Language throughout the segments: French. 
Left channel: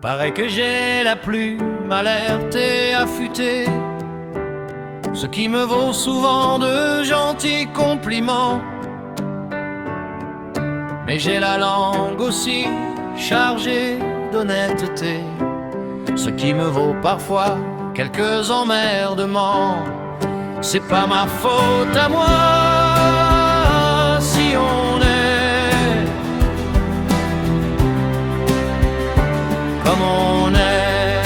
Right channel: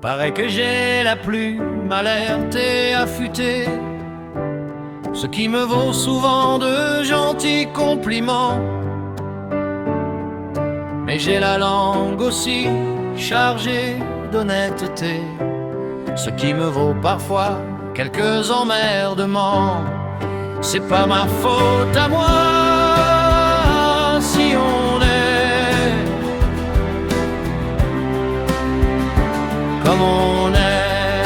Paraît que j'ai la plume alerte et affûtée, ce qui me vaut souvent de gentils compliments. Mais j'ai la langue aussi chargée d'honnêteté, ce qui me vaut parfois quelques emmerdements. C'est pas ma faute à moi si on est comme on est.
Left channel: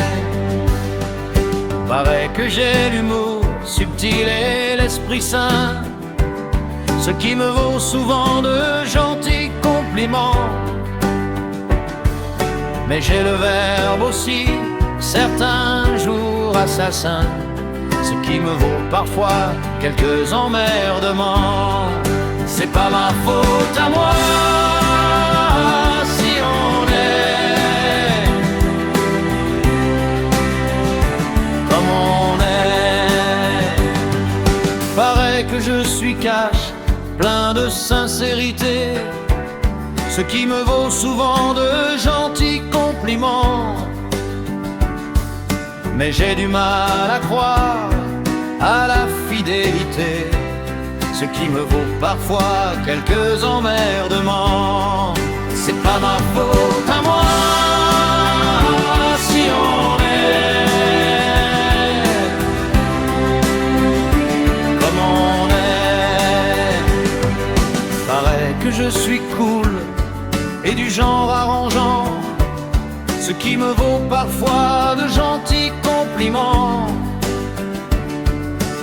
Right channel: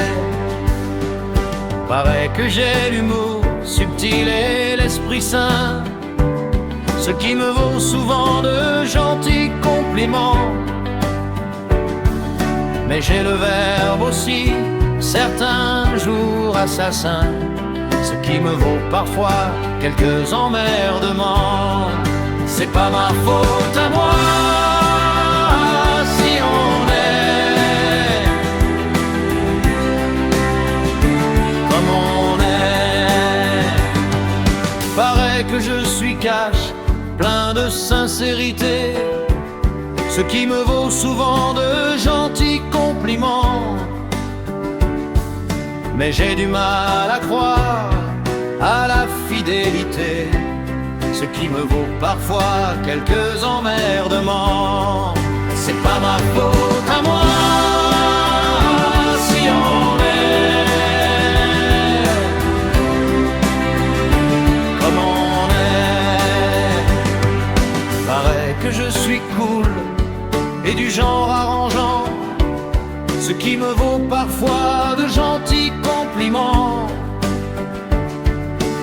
Paraît que j'ai l'humour subtil et l'esprit sain, ce qui me vaut souvent de gentils compliments. Mais j'ai le verbe aussi, certains jours assassins, ce qui me vaut parfois quelques emmerdements. C'est pas ma faute à moi si on est comme on est. Paraît que je suis cash, plein de sincérité, ce qui me vaut souvent de gentils compliments. Mais j'ai du mal à croire à la fidélité, ce qui me vaut parfois quelques emmerdements. C'est pas ma faute à moi si on est comme on est. Paraît que je suis cool et du genre arrangeant, ce qui me vaut parfois de gentils compliments.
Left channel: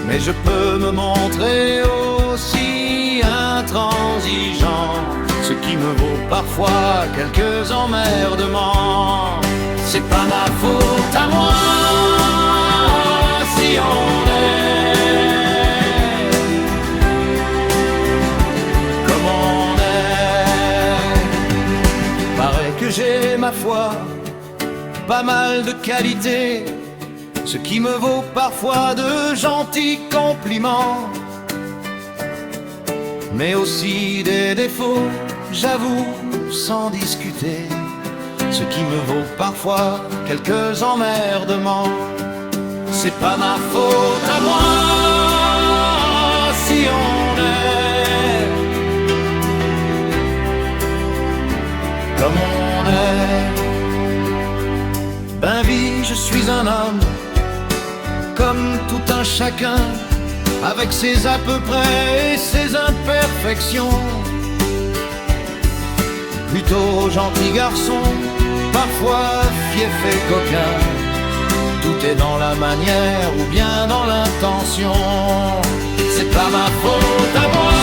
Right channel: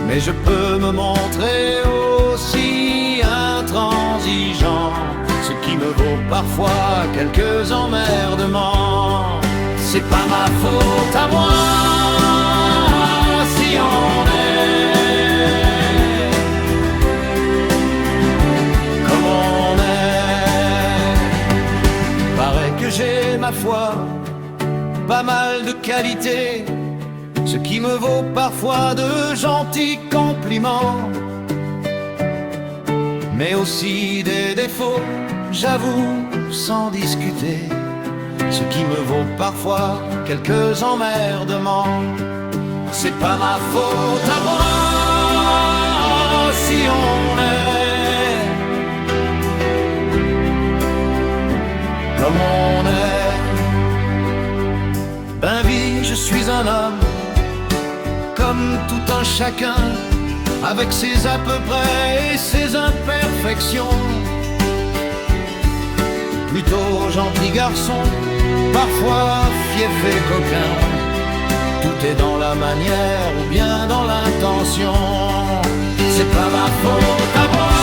Mais je peux me montrer aussi intransigeant, ce qui me vaut parfois quelques emmerdements. C'est pas ma faute à moi si on est comme on est. Paraît que j'ai, ma foi, pas mal de qualités, ce qui me vaut parfois de gentils compliments. Mais aussi des défauts, j'avoue, sans discuter, ce qui me vaut parfois quelques emmerdements. C'est pas ma faute à moi si on est comme on est. Ben vie, je suis un homme, comme tout un chacun, avec ses à peu près et ses imperfections. Plutôt gentil garçon, parfois fief et coquin, tout est dans la manière ou bien dans l'intention. C'est pas ma faute à moi